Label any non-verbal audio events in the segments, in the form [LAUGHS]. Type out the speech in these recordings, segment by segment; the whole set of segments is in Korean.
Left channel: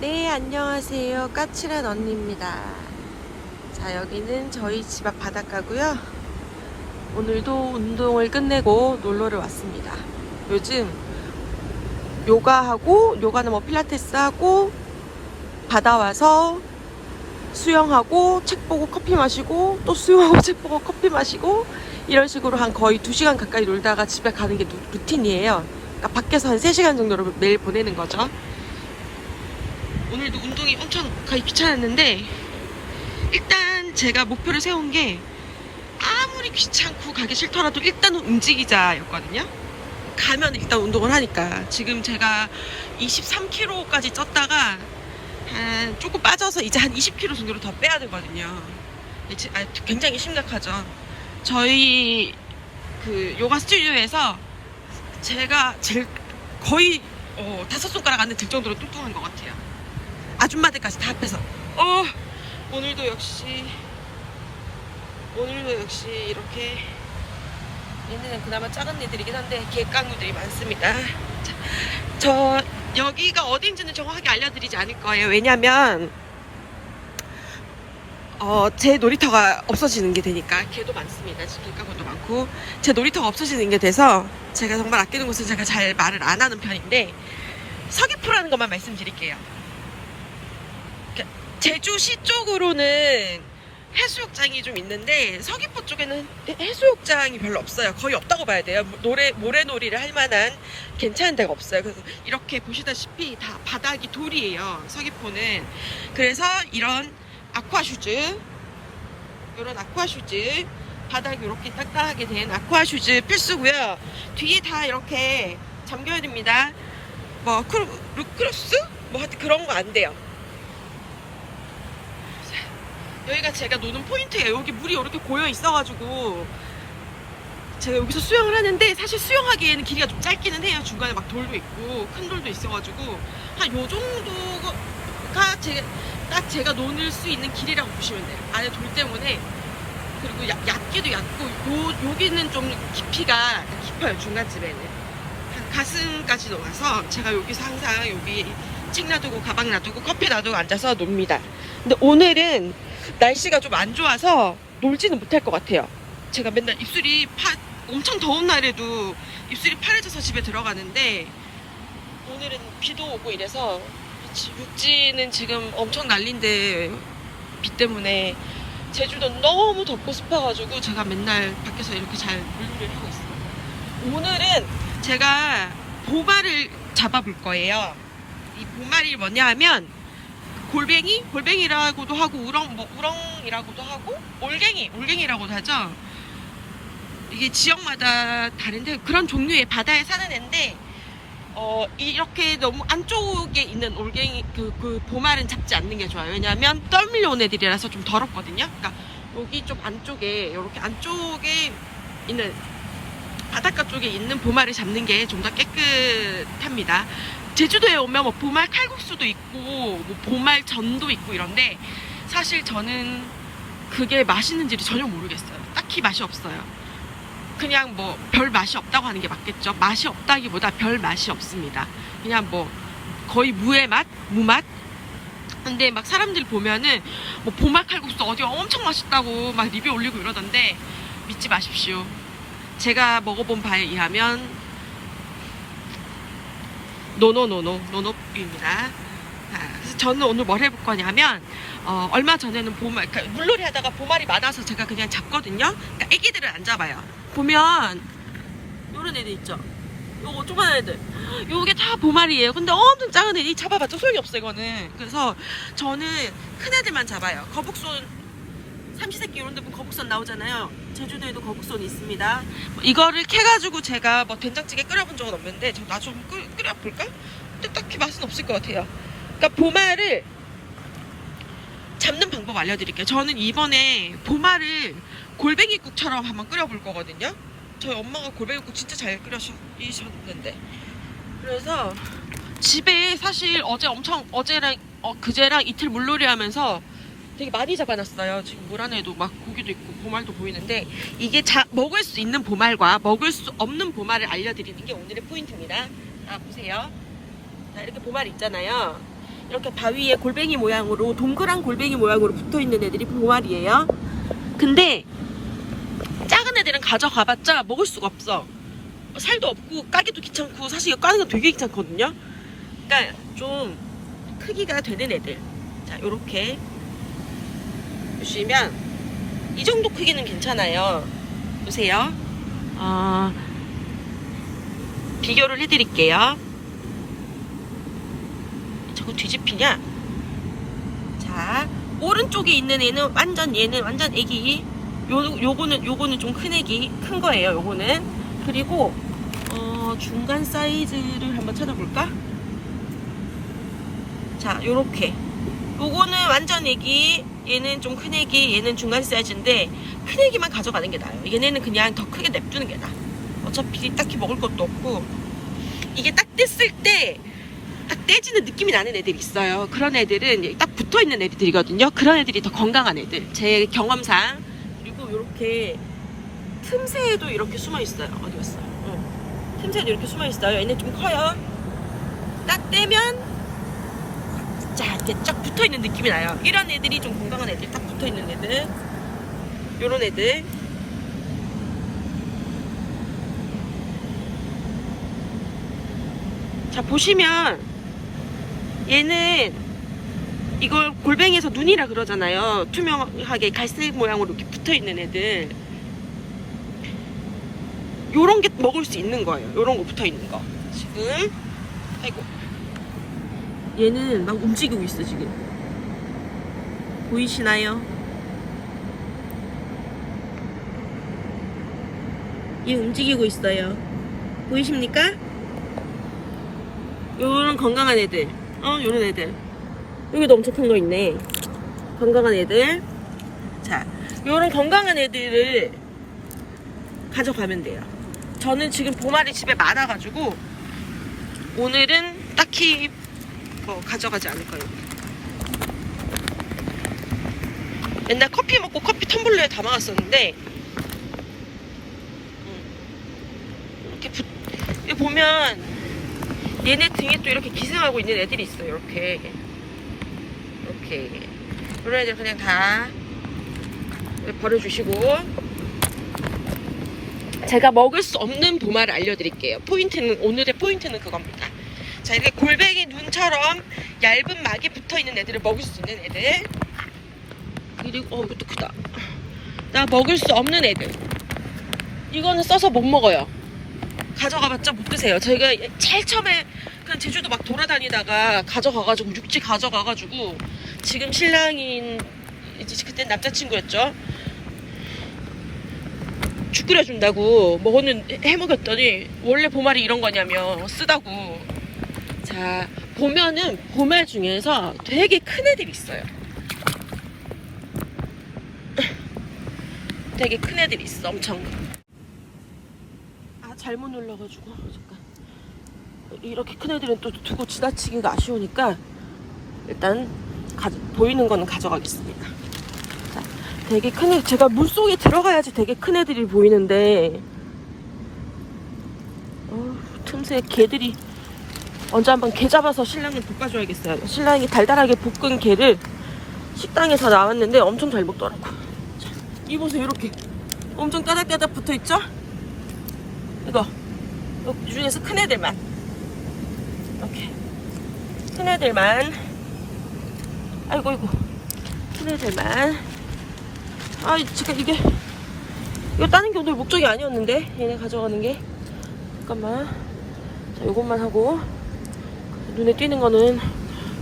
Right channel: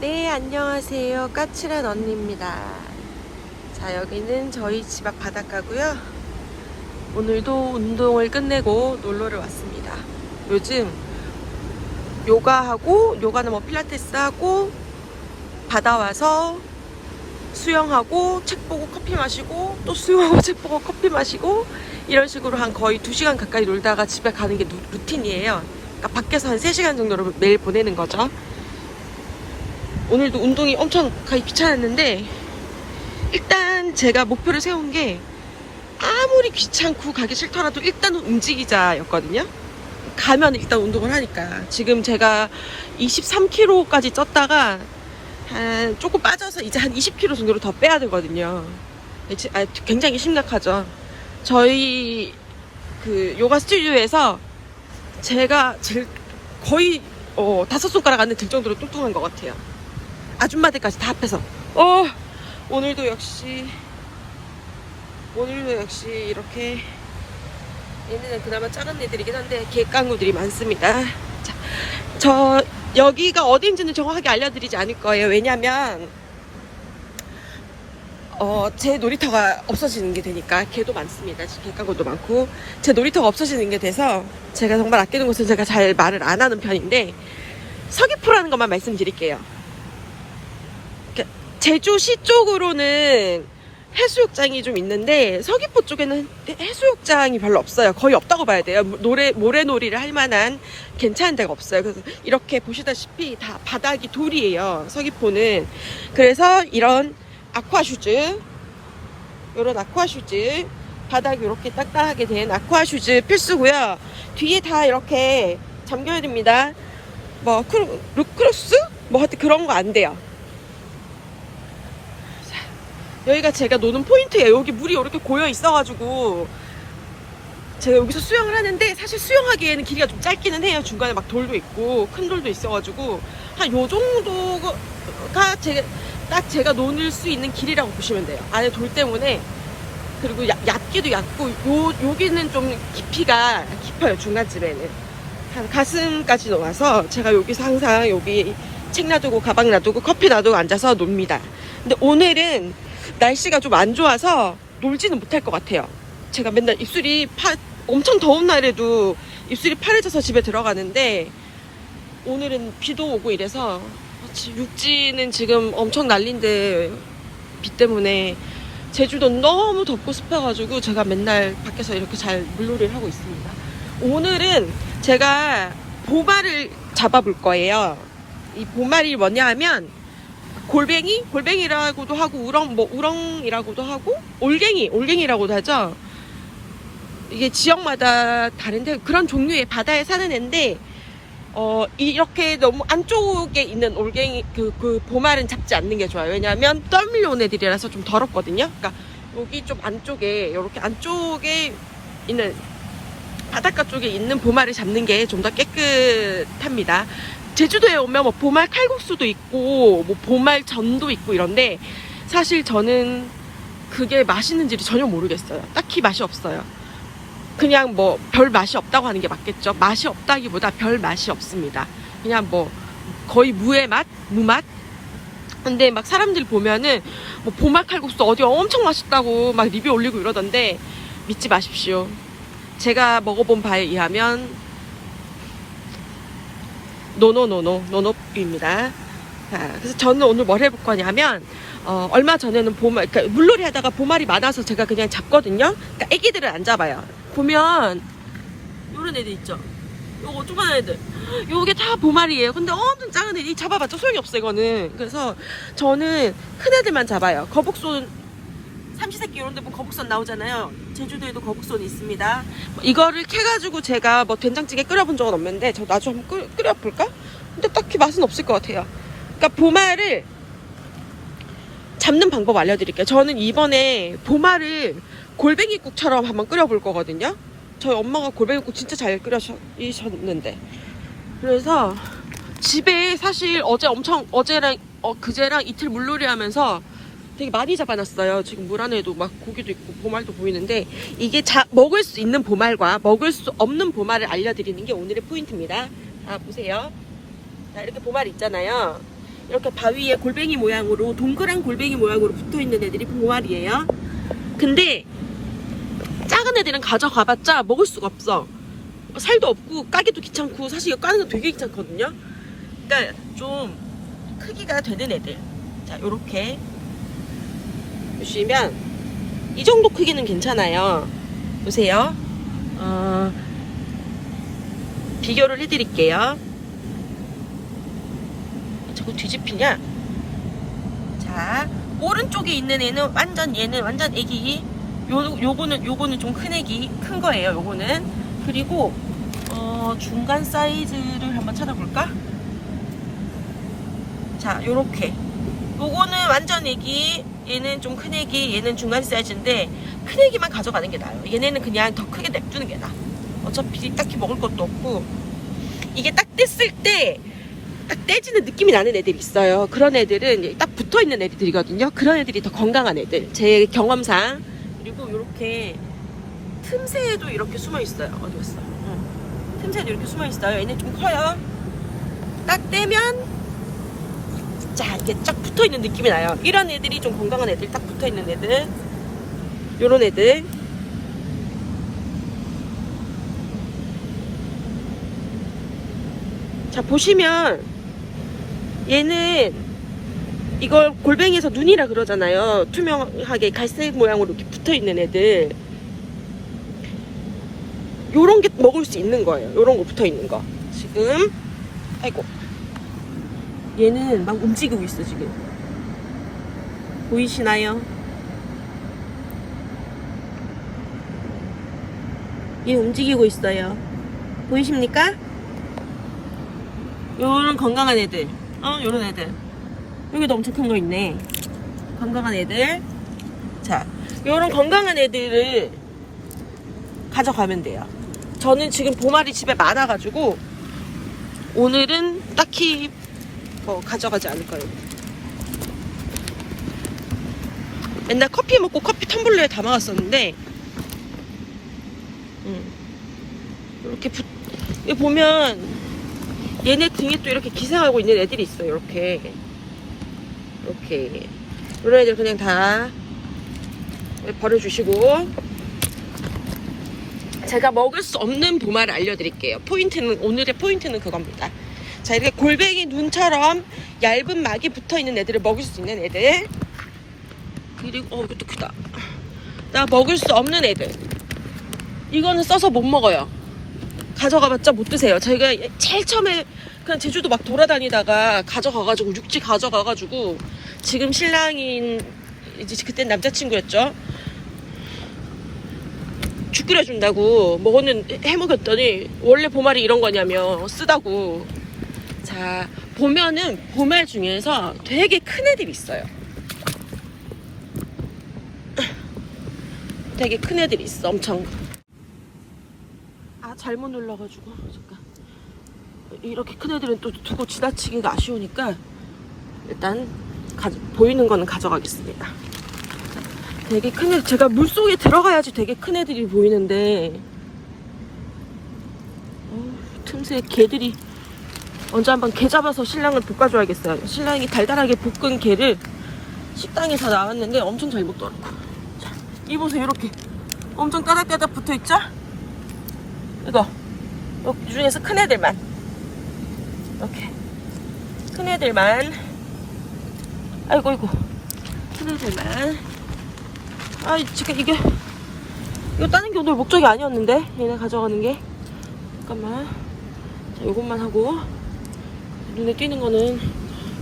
네, 안녕하세요. 까칠한 언니입니다. 자, 여기는 저희 집 앞 바닷가고요. 오늘도 운동을 끝내고 놀러를 왔습니다. 요즘 요가하고, 요가는 뭐 필라테스 하고, 바다 와서 수영하고, 책 보고 커피 마시고, 또 수영하고 [LAUGHS] 책 보고 커피 마시고, 이런 식으로 한 거의 2시간 가까이 놀다가 집에 가는 게 루- 루틴이에요. 그러니까 밖에서 한 3시간 정도를 매일 보내는 거죠. 오늘도 운동이 엄청 가기 귀찮았는데 일단 제가 목표를 세운 게 아무리 귀찮고 가기 싫더라도 일단은 움직이자였거든요. 가면 일단 운동을 하니까 지금 제가 23kg까지 쪘다가 한 조금 빠져서 이제 한 20kg 정도로 더 빼야 되거든요. 아, 굉장히 심각하죠. 저희 그 요가 스튜디오에서 제가 제일 거의 어, 다섯 손가락 안에 들 정도로 뚱뚱한 것 같아요. 아줌마들까지 다 합해서. 어, 오늘도 역시, 오늘도 역시 이렇게, 얘네는 그나마 작은 애들이긴 한데, 개깡구들이 많습니다. 자, 저, 여기가 어딘지는 정확하게 알려드리지 않을 거예요. 왜냐면, 어, 제 놀이터가 없어지는 게 되니까, 개도 많습니다. 지금 개깡구도 많고, 제 놀이터가 없어지는 게 돼서, 제가 정말 아끼는 곳은 제가 잘 말을 안 하는 편인데, 서귀포라는 것만 말씀드릴게요. 제주시 쪽으로는 해수욕장이 좀 있는데 서귀포 쪽에는 해수욕장이 별로 없어요. 거의 없다고 봐야 돼요. 노래 모래놀이를 할 만한 괜찮은 데가 없어요. 그래서 이렇게 보시다시피 다 바닥이 돌이에요. 서귀포는 그래서 이런 아쿠아슈즈 이런 아쿠아슈즈 바닥이 이렇게 딱딱하게 된 아쿠아슈즈 필수고요. 뒤에 다 이렇게 잠겨야 됩니다. 뭐 크루, 루크로스? 뭐 하여튼 그런 거 안 돼요. 여기가 제가 노는 포인트예요. 여기 물이 이렇게 고여 있어가지고 제가 여기서 수영을 하는데 사실 수영하기에는 길이가 좀 짧기는 해요. 중간에 막 돌도 있고 큰 돌도 있어가지고 한 요 정도가 제가 딱 제가 노는 수 있는 길이라고 보시면 돼요. 안에 돌 때문에 그리고 야- 얕기도 얕고 요 여기는 좀 깊이가 깊어요. 중간쯤에는 한 가슴까지 넣어서 제가 여기서 항상 여기 책 놔두고 가방 놔두고 커피 놔두고 앉아서 놉니다. 근데 오늘은 날씨가 좀 안 좋아서 놀지는 못할 것 같아요. 제가 맨날 입술이 파, 엄청 더운 날에도 입술이 파래져서 집에 들어가는데 오늘은 비도 오고 이래서 지- 육지는 지금 엄청 난린데 비 때문에 제주도 너무 덥고 습해가지고 제가 맨날 밖에서 이렇게 잘 물놀이를 하고 있습니다. 오늘은 제가 보마를 잡아볼 거예요. 이 보마리 뭐냐 하면 골뱅이? 골뱅이라고도 하고 우렁 뭐 우렁이라고도 하고 올갱이, 올갱이라고도 하죠. 이게 지역마다 다른데 그런 종류의 바다에 사는 애인데 어 이렇게 너무 안쪽에 있는 올갱이 그, 그 보말은 잡지 않는 게 좋아요. 왜냐하면 떠밀려온 애들이라서 좀 더럽거든요. 그러니까 여기 좀 안쪽에 이렇게 안쪽에 있는 바닷가 쪽에 있는 보말을 잡는 게 좀 더 깨끗합니다. 제주도에 오면 뭐 보말 칼국수도 있고 뭐 보말 전도 있고 이런데 사실 저는 그게 맛있는지를 전혀 모르겠어요. 딱히 맛이 없어요. 그냥 뭐 별 맛이 없다고 하는 게 맞겠죠. 맛이 없다기보다 별 맛이 없습니다. 그냥 뭐 거의 무의 맛, 무맛. 근데 막 사람들 보면은 뭐 보말 칼국수 어디 엄청 맛있다고 막 리뷰 올리고 이러던데 믿지 마십시오. 제가 먹어본 바에 의하면 노노노노 노노입니다. 자, 그래서 저는 오늘 뭘 해볼 거냐면 어, 얼마 전에는 보말 그러니까 물놀이 하다가 보말이 많아서 제가 그냥 잡거든요. 그러니까 애기들을 안 잡아요. 보면 요런 애들 있죠. 요거 조그만 애들. 요게 다 보말이에요. 근데 엄청 작은 애들 이 잡아봤자 소용이 없어 이거는. 그래서 저는 큰 애들만 잡아요. 거북손 삼시세끼 이런 데 보면 거북선 나오잖아요. 제주도에도 거북선이 있습니다. 뭐 이거를 캐가지고 제가 뭐 된장찌개 끓여본 적은 없는데 저 나중에 한번 끓, 끓여볼까? 근데 딱히 맛은 없을 것 같아요. 그러니까 보말을 잡는 방법 알려드릴게요. 저는 이번에 보말을 골뱅이국처럼 한번 끓여볼 거거든요. 저희 엄마가 골뱅이국 진짜 잘 끓여주셨는데. 그래서 집에 사실 어제 엄청 어제랑 어, 그제랑 이틀 물놀이 하면서 되게 많이 잡아놨어요. 지금 물 안에도 막 고기도 있고 보말도 보이는데 이게 자, 먹을 수 있는 보말과 먹을 수 없는 보말을 알려드리는 게 오늘의 포인트입니다. 자 보세요. 자 이렇게 보말 있잖아요. 이렇게 바위에 골뱅이 모양으로 동그란 골뱅이 모양으로 붙어 있는 애들이 보말이에요. 근데 작은 애들은 가져가봤자 먹을 수가 없어. 살도 없고 까기도 귀찮고 사실 이거 까는 거 되게 귀찮거든요. 그러니까 좀 크기가 되는 애들. 자, 요렇게 보시면 이 정도 크기는 괜찮아요. 보세요. 어, 비교를 해드릴게요. 자꾸 뒤집히냐? 자, 오른쪽에 있는 애는 완전 얘는 완전 애기. 요 요거는 요거는 좀 큰 애기, 큰 거예요. 요거는 그리고 어, 중간 사이즈를 한번 찾아볼까? 자, 요렇게. 요거는 완전 애기, 얘는 좀 큰 애기, 얘는 중간 사이즈인데 큰 애기만 가져가는 게 나아요. 얘네는 그냥 더 크게 냅두는 게 나아. 어차피 딱히 먹을 것도 없고 이게 딱 뗐을 때 딱 떼지는 느낌이 나는 애들이 있어요. 그런 애들은 딱 붙어 있는 애들이거든요. 그런 애들이 더 건강한 애들. 제 경험상. 그리고 이렇게 틈새에도 이렇게 숨어 있어요. 어디 갔어? 응. 틈새에도 이렇게 숨어 있어요. 얘네 좀 커요. 딱 떼면 자 이렇게 쫙 붙어 있는 느낌이 나요. 이런 애들이 좀 건강한 애들, 딱 붙어 있는 애들. 요런 애들. 자 보시면 얘는 이걸 골뱅이에서 눈이라 그러잖아요. 투명하게 갈색 모양으로 이렇게 붙어 있는 애들. 요런 게 먹을 수 있는 거예요. 요런 거 붙어 있는 거. 지금 아이고 얘는 막 움직이고 있어 지금. 보이시나요? 얘 움직이고 있어요. 보이십니까? 요런 건강한 애들. 어, 요런 애들. 여기도 엄청 큰 거 있네. 건강한 애들. 자, 요런 건강한 애들을 가져가면 돼요. 저는 지금 보말이 집에 많아가지고 오늘은 딱히 뭐 가져가지 않을 거예요. 맨날 커피 먹고 커피 텀블러에 담아왔었는데 음, 이렇게 붙, 여기 보면 얘네 등에 또 이렇게 기생하고 있는 애들이 있어요. 이렇게 이렇게 이런 애들 그냥 다 버려주시고 제가 먹을 수 없는 보말을 알려드릴게요. 포인트는 오늘의 포인트는 그겁니다. 자 이렇게 골뱅이 눈처럼 얇은 막이 붙어 있는 애들을 먹을 수 있는 애들 그리고 어 이것도 크다. 나 먹을 수 없는 애들 이거는 써서 못 먹어요. 가져가봤자 못 드세요. 저희가 제일 처음에 그냥 제주도 막 돌아다니다가 가져가가지고 육지 가져가가지고 지금 신랑인 이제 그때 남자친구였죠. 죽 끓여준다고 먹었는 해먹였더니 원래 보말이 이런 거냐며 쓰다고. 자 보면은 보말 중에서 되게 큰 애들이 있어요. 되게 큰 애들이 있어 엄청. 아 잘못 눌러가지고 잠깐 이렇게 큰 애들은 또 두고 지나치기가 아쉬우니까 일단 가- 보이는 거는 가져가겠습니다 자, 되게 큰 애, 제가 물 속에 들어가야지 되게 큰 애들이 보이는데 어, 틈새 개들이 언제 한번 개 잡아서 신랑을 볶아줘야겠어요. 신랑이 달달하게 볶은 개를 식당에서 나왔는데 엄청 잘 먹더라고. 자, 이 보세요 이렇게. 엄청 따닥따닥 붙어 있죠? 이거. 이 중에서 큰 애들만. 이렇게. 큰 애들만. 아이고 아이고. 큰 애들만. 아 지금 이게 이거 따는 게 오늘 목적이 아니었는데 얘네 가져가는 게. 잠깐만. 자 요것만 하고 눈에 띄는 거는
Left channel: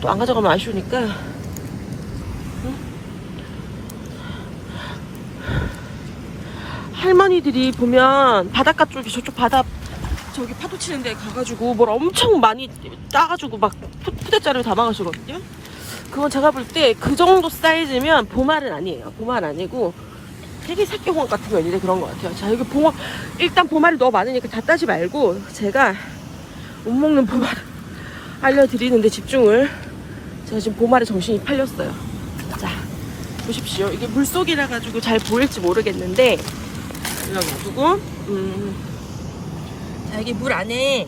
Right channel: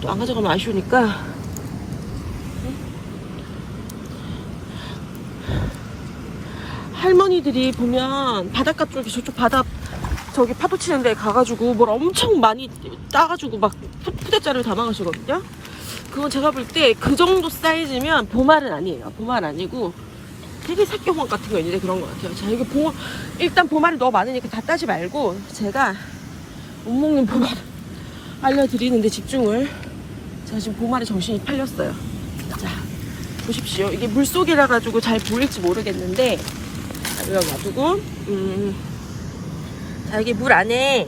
또 안 가져가면 아쉬우니까 할머니들이 보면 바닷가 쪽에 저쪽 바다 저기 파도 치는 데 가가지고 뭘 엄청 많이 따가지고 막 푸- 푸대자를 담아가시거든요. 그건 제가 볼 때 그 정도 사이즈면 보말은 아니에요. 보말 아니고 되게 새끼홍합 같은 거 있는데 그런 것 같아요. 자, 여기 봉어, 일단 보말이 너무 많으니까 다 따지 말고 제가 못 먹는 보말 알려드리는데 집중을 제가 지금 보말에 정신이 팔렸어요. 자, 보십시오. 이게 물속이라 가지고 잘 보일지 모르겠는데 여기 놔두고 음. 자 여기 물 안에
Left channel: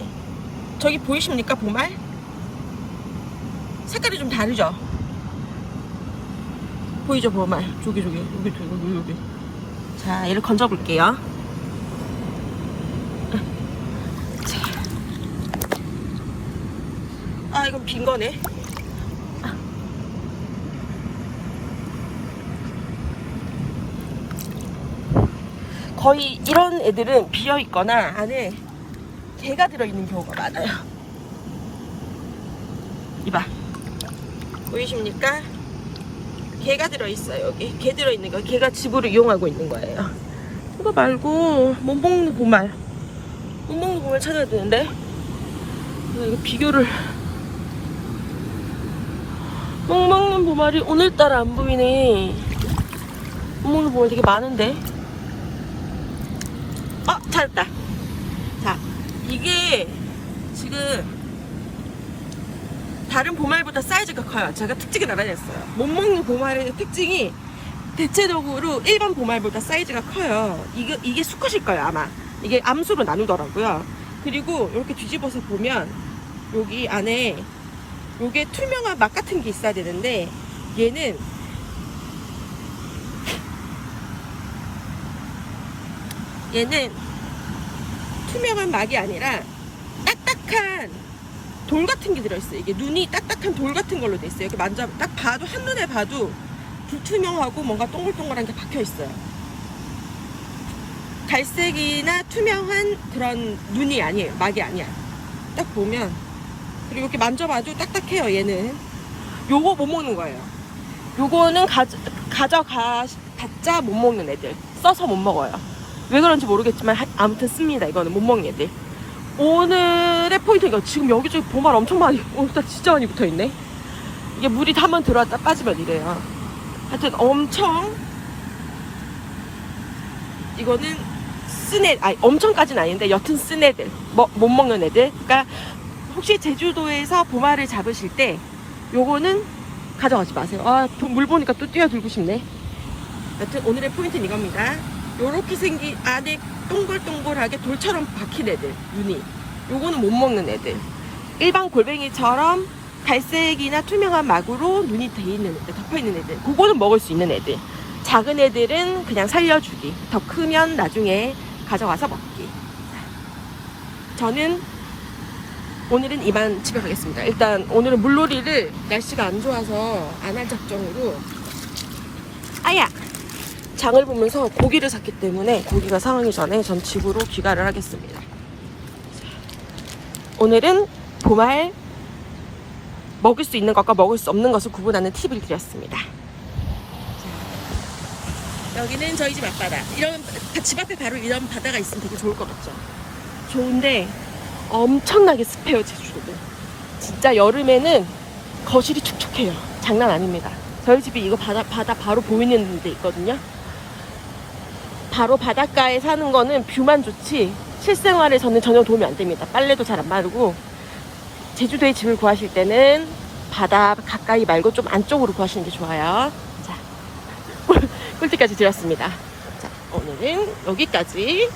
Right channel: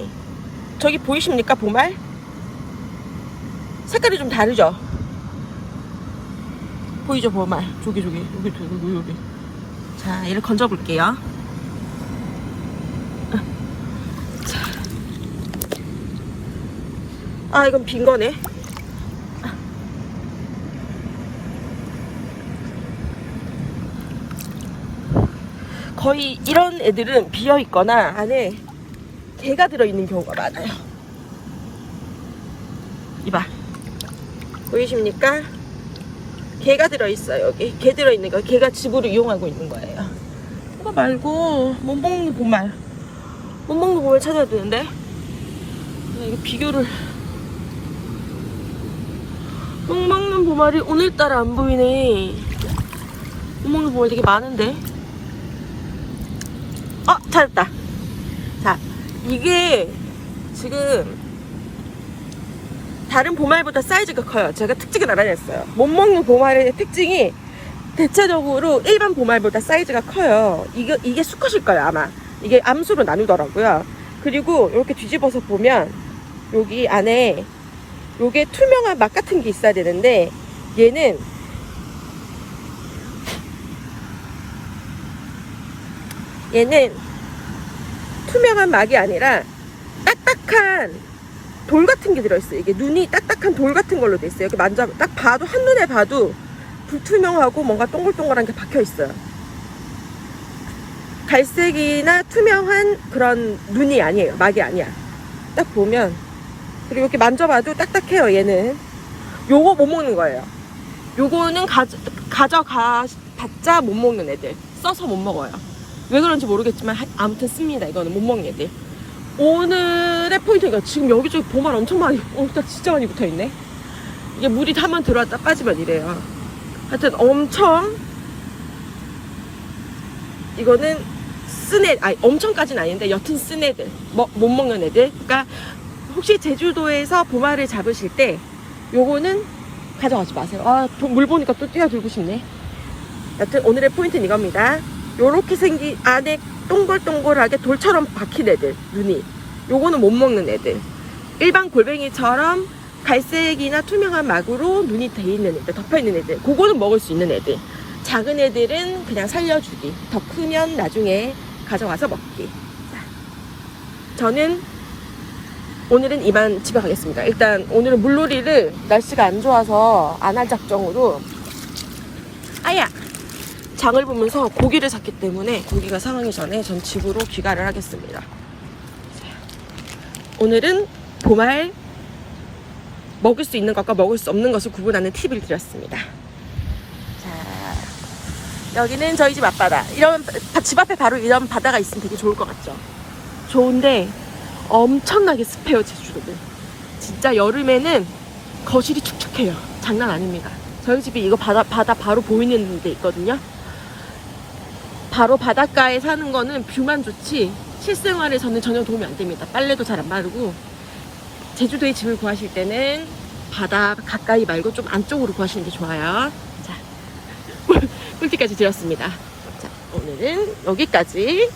저기 보이십니까 보말? 색깔이 좀 다르죠? 보이죠, 보말? 저기, 저기, 여기, 저기, 여기. 자, 얘를 건져 볼게요. 아, 이건 빈 거네. 거의 이런 애들은 비어 있거나 안에 개가 들어있는 경우가 많아요. 이봐. 보이십니까? 개가 들어있어요, 여기. 개 들어있는 거. 개가 집으로 이용하고 있는 거예요. 이거 말고, 못 먹는 보말. 못 먹는 보말 찾아야 되는데. 비교를. 못 먹는 보말이 오늘따라 안 보이네. 못 먹는 보말 되게 많은데. 어, 찾았다. 자, 이게 지금 다른 보말보다 사이즈가 커요. 제가 특징을 알아냈어요. 못 먹는 보말의 특징이 대체적으로 일반 보말보다 사이즈가 커요. 이게, 이게 수컷일 거예요, 아마. 이게 암수로 나누더라고요. 그리고 이렇게 뒤집어서 보면 여기 안에 요게 투명한 막그 같은 게 있어야 되는데 얘는 얘는 투명한 막이 아니라 딱딱한 돌 같은 게 들어있어요. 이게 눈이 딱딱한 돌 같은 걸로 돼 있어요. 이렇게 만져 딱 봐도 한눈에 봐도 불투명하고 뭔가 동글동글한 게 박혀 있어요. 갈색이나 투명한 그런 눈이 아니에요. 막이 아니야. 딱 보면 그리고 이렇게 만져봐도 딱딱해요. 얘는 요거 못 먹는 거예요. 요거는 가져, 가져가 봤자 못 먹는 애들 써서 못 먹어요. 왜 그런지 모르겠지만 하- 아무튼 씁니다. 이거는 못 먹는 애들. 오늘의 포인트가 지금 여기저기 보말 엄청 많이 [LAUGHS] 오늘따라 진짜 많이 붙어있네. 이게 물이 한 번 들어왔다 빠지면 이래요. 하여튼 엄청 이거는 쓴 애, 아니 엄청까지는 아닌데 여튼 쓴 애들, 뭐, 못 먹는 애들. 그러니까 혹시 제주도에서 보말을 잡으실 때 요거는 가져가지 마세요. 아, 도- 물 보니까 또 뛰어들고 싶네. 여튼 오늘의 포인트는 이겁니다. 요렇게 생긴 안에 동글동글하게 돌처럼 박힌 애들, 눈이. 요거는 못 먹는 애들. 일반 골뱅이처럼 갈색이나 투명한 막으로 눈이 돼 있는 애들, 덮여 있는 애들. 그거는 먹을 수 있는 애들. 작은 애들은 그냥 살려주기. 더 크면 나중에 가져와서 먹기. 자, 저는 오늘은 이만 집에 가겠습니다. 일단 오늘은 물놀이를 날씨가 안 좋아서 안 할 작정으로 아야 장을 보면서 고기를 샀기 때문에 고기가 상하기 전에 전 집으로 귀가를 하겠습니다. 자, 오늘은 보말 먹을 수 있는 것과 먹을 수 없는 것을 구분하는 팁을 드렸습니다. 자, 여기는 저희 집 앞바다. 이런 집 앞에 바로 이런 바다가 있으면 되게 좋을 것 같죠. 좋은데 엄청나게 습해요 제주도는. 진짜 여름에는 거실이 축축해요. 장난 아닙니다. 저희 집이 이거 바다 바다 바로 보이는 데 있거든요. 바로 바닷가에 사는 거는 뷰만 좋지 실생활에서는 전혀 도움이 안 됩니다. 빨래도 잘 안 마르고 제주도에 집을 구하실 때는 바다 가까이 말고 좀 안쪽으로 구하시는 게 좋아요. 자, 꿀- [LAUGHS] 꿀팁까지 드렸습니다. 자, 오늘은 여기까지